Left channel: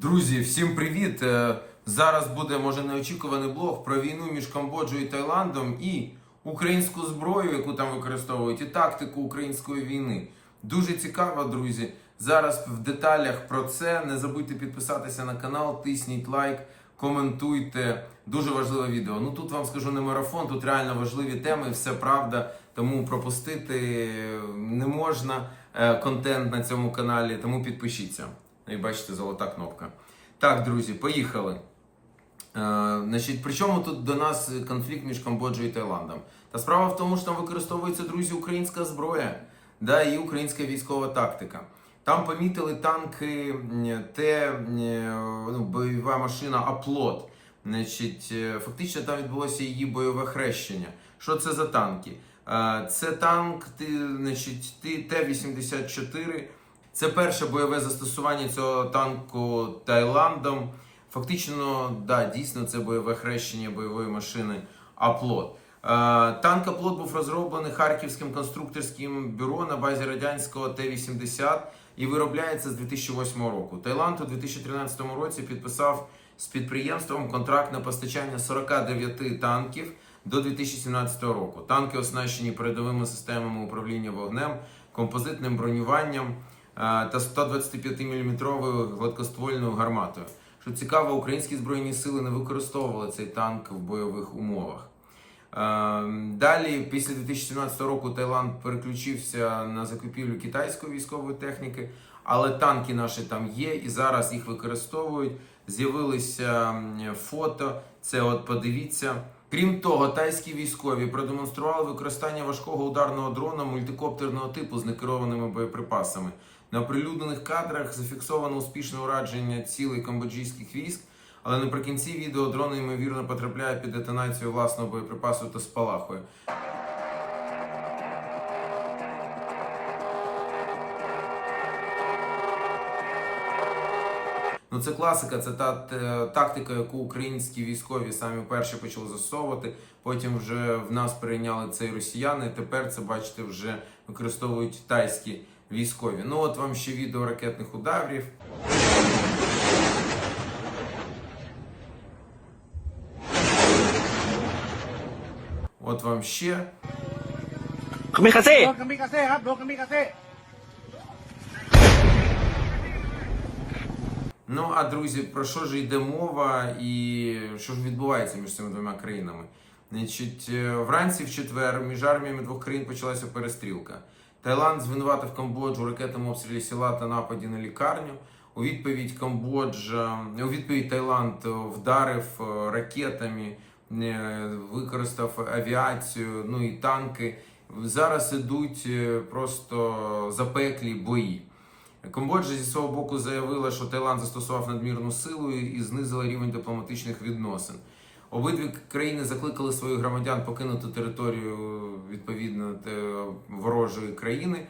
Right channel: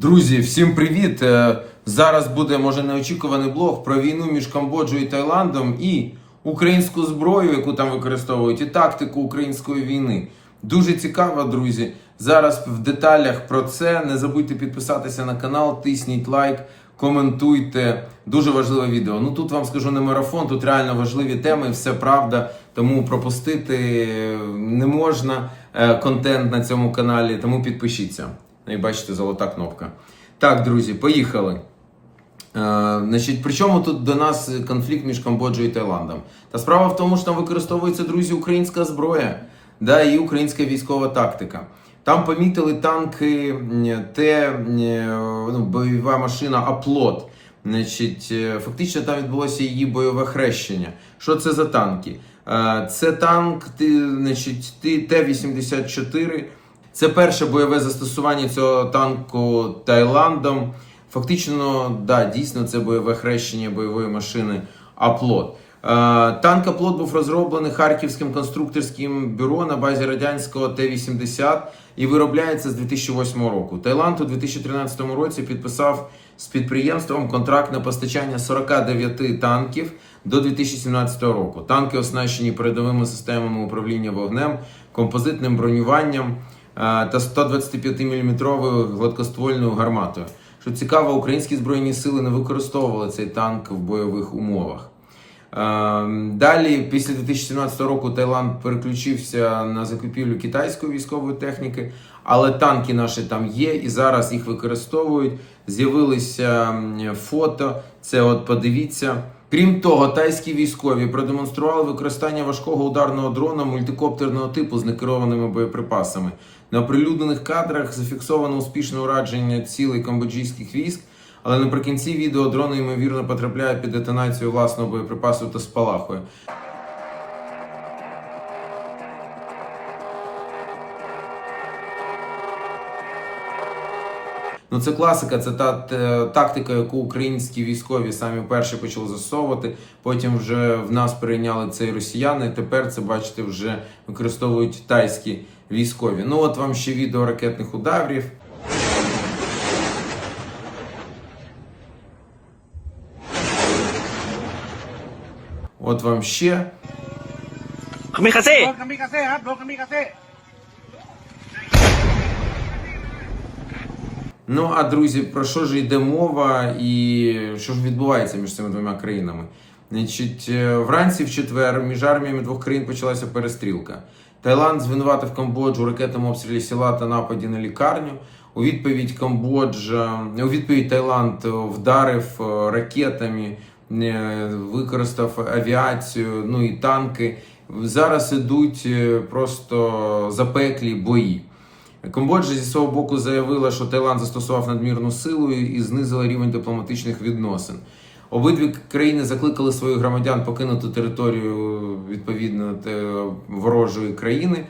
Друзі, всім привіт! Е, Зараз буде може неочікуваний блог про війну між Камбоджею і Таїландом і українську зброю, яку там використовують, і тактику української війни. Дуже цікаво, друзі. Зараз в деталях про це. Не забудьте підписатися на канал, тисніть лайк, коментуйте. Дуже важливе відео. Ну тут вам скажу не марафон, тут реально важливі теми, все правда. Тому пропустити не можна е, контент на цьому каналі, тому підпишіться. Ну і бачите, золота кнопка. Так, друзі, поїхали. Е, значить, при чому тут до нас конфлікт між Камбоджею і Таїландом? Та справа в тому, що там використовується, друзі, українська зброя да, і українська військова тактика. Там помітили танки м, Т, ну, бойова машина Аплот. Значить, е, фактично там відбулося її бойове хрещення. Що це за танки? Е, Це танк значить, Т- Т-84. Це перше бойове застосування цього танку Таїландом. Фактично, да, дійсно, це бойове хрещення бойової машини Аплот. Е, Танк Аплот був розроблений Харківським конструкторським бюро на базі радянського Т-80 і виробляється з 2008 року. Таїланд у 2013 році підписав з підприємством контракт на постачання 49 танків до 2017 року. Танки оснащені передовими системами управління вогнем, композитним бронюванням та 125-мм гладкоствольною гарматою. Що цікаво, українські збройні сили не використовували цей танк в бойових умовах. Е, Далі, після 2017 року, Таїланд переключився на закупівлю китайської військової техніки, але танки наші там є і зараз їх використовують. З'явилися фото. Це от подивіться. Крім того, тайські військові продемонстрували використання важкого ударного дрона мультикоптерного типу з некерованими боєприпасами. На оприлюднених кадрах зафіксовано успішне ураження цілей камбоджійських військ, але наприкінці відео дрон ймовірно потрапляє під детонацію власного боєприпасу та спалахує. Ну, це класика, це та тактика, яку українські військові самі перші почали застосовувати. Потім вже в нас перейняли це і росіяни. Тепер це, бачите, вже використовують тайські військові. Ну от вам ще відео ракетних ударів. От вам ще. Каміказе! Ну а друзі, про що ж йде мова і що ж відбувається між цими двома країнами? Значить, е, вранці в четвер між арміями двох країн почалася перестрілка. Таїланд звинуватив Камбоджу у ракетному обстрілі села та нападі на лікарню. У відповідь Камбоджа, у відповідь Таїланд вдарив е, ракетами, е, використав авіацію, ну і танки. Зараз ідуть е, просто запеклі бої. Камбоджа зі свого боку заявила, що Таїланд застосував надмірну силу і знизила рівень дипломатичних відносин. Обидві країни закликали своїх громадян покинути територію відповідно ворожої країни.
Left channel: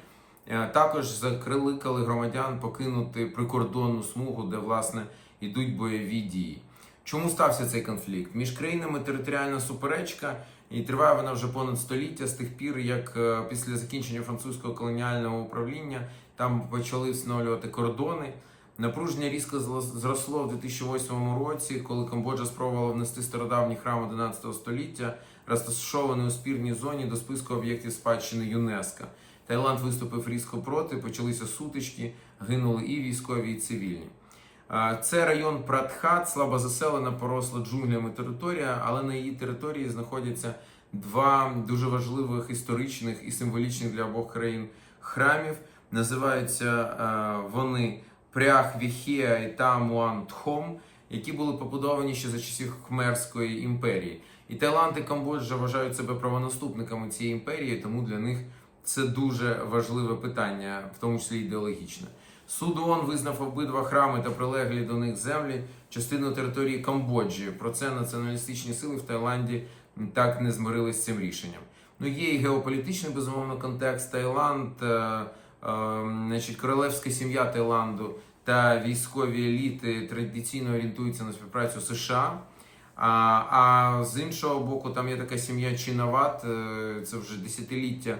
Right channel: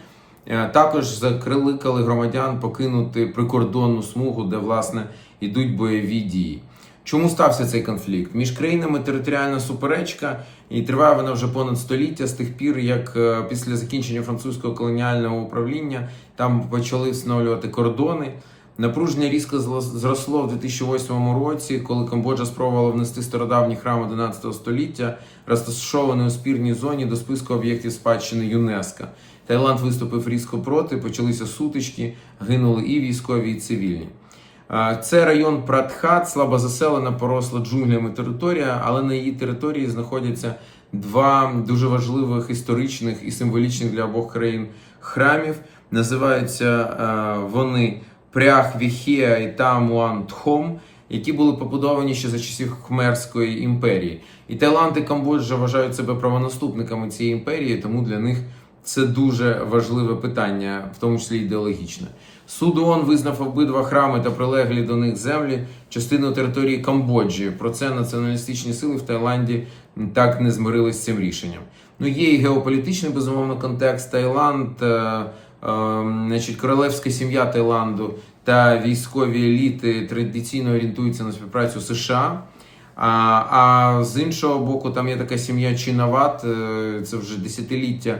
Е, Також закликали громадян покинути прикордонну смугу, де власне йдуть бойові дії. Чому стався цей конфлікт? Між країнами територіальна суперечка, і триває вона вже понад століття з тих пір, як е, після закінчення французького колоніального управління там почали встановлювати кордони. Напруження різко зросло в 2008 році, коли Камбоджа спробувала внести стародавній храм 11 століття, розташований у спірній зоні до списку об'єктів спадщини ЮНЕСКО. Таїланд виступив різко проти, почалися сутички, гинули і військові, і цивільні. Це район Пратхат, слабо заселена, поросла джунглями територія, але на її території знаходяться два дуже важливих історичних і символічних для обох країн храмів. Називаються вони Прях Віхеа і Тамуан Тхом, які були побудовані ще за часів Хмерської імперії. І Таїланд і Камбоджа вважають себе правонаступниками цієї імперії, тому для них це дуже важливе питання, в тому числі ідеологічне. Суд ООН визнав обидва храми та прилеглі до них землі частиною території Камбоджі. Про це націоналістичні сили в Таїланді так не змирились з цим рішенням. Ну є і геополітичний безумовно контекст. Таїланд, е, значить, королевська сім'я Таїланду та військові еліти традиційно орієнтуються на співпрацю США. А, а з іншого боку, там є така сім'я Чинават, е, це вже десятиліття.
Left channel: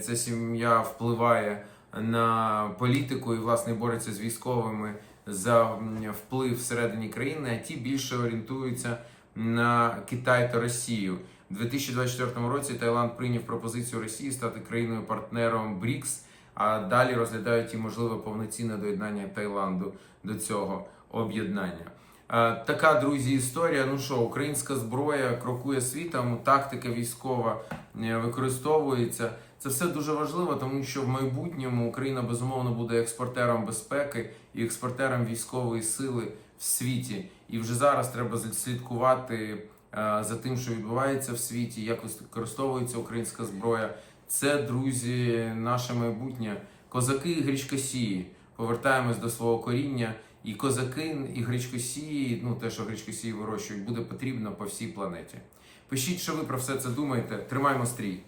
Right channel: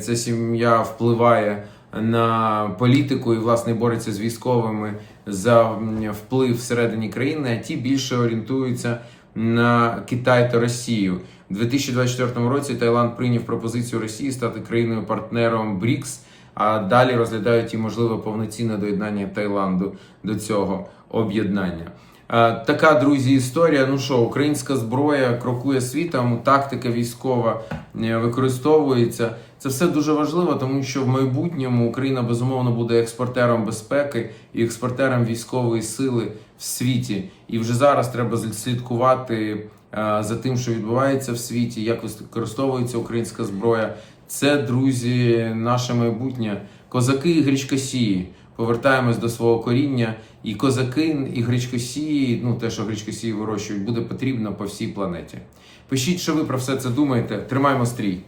Ця сім'я впливає на політику і власне бореться з військовими за вплив всередині країни, а ті більше орієнтуються на Китай та Росію. У 2024 році Таїланд прийняв пропозицію Росії стати країною-партнером БРІКС, а далі розглядають і можливе повноцінне доєднання Таїланду до цього об'єднання. Така, друзі, історія. Ну що, українська зброя крокує світом, тактика військова е, використовується. Це все дуже важливо, тому що в майбутньому Україна безумовно буде експортером безпеки і експортером військової сили в світі. І вже зараз треба слідкувати е, за тим, що відбувається в світі, як використовується українська зброя. Це, друзі, наше майбутнє. Козаки і гречкосії. Повертаємось до свого коріння. І козаки, і гречкосії, ну те, що гречкосії вирощують, буде потрібно по всій планеті. Пишіть, що ви про все це думаєте. Тримаємо стрій.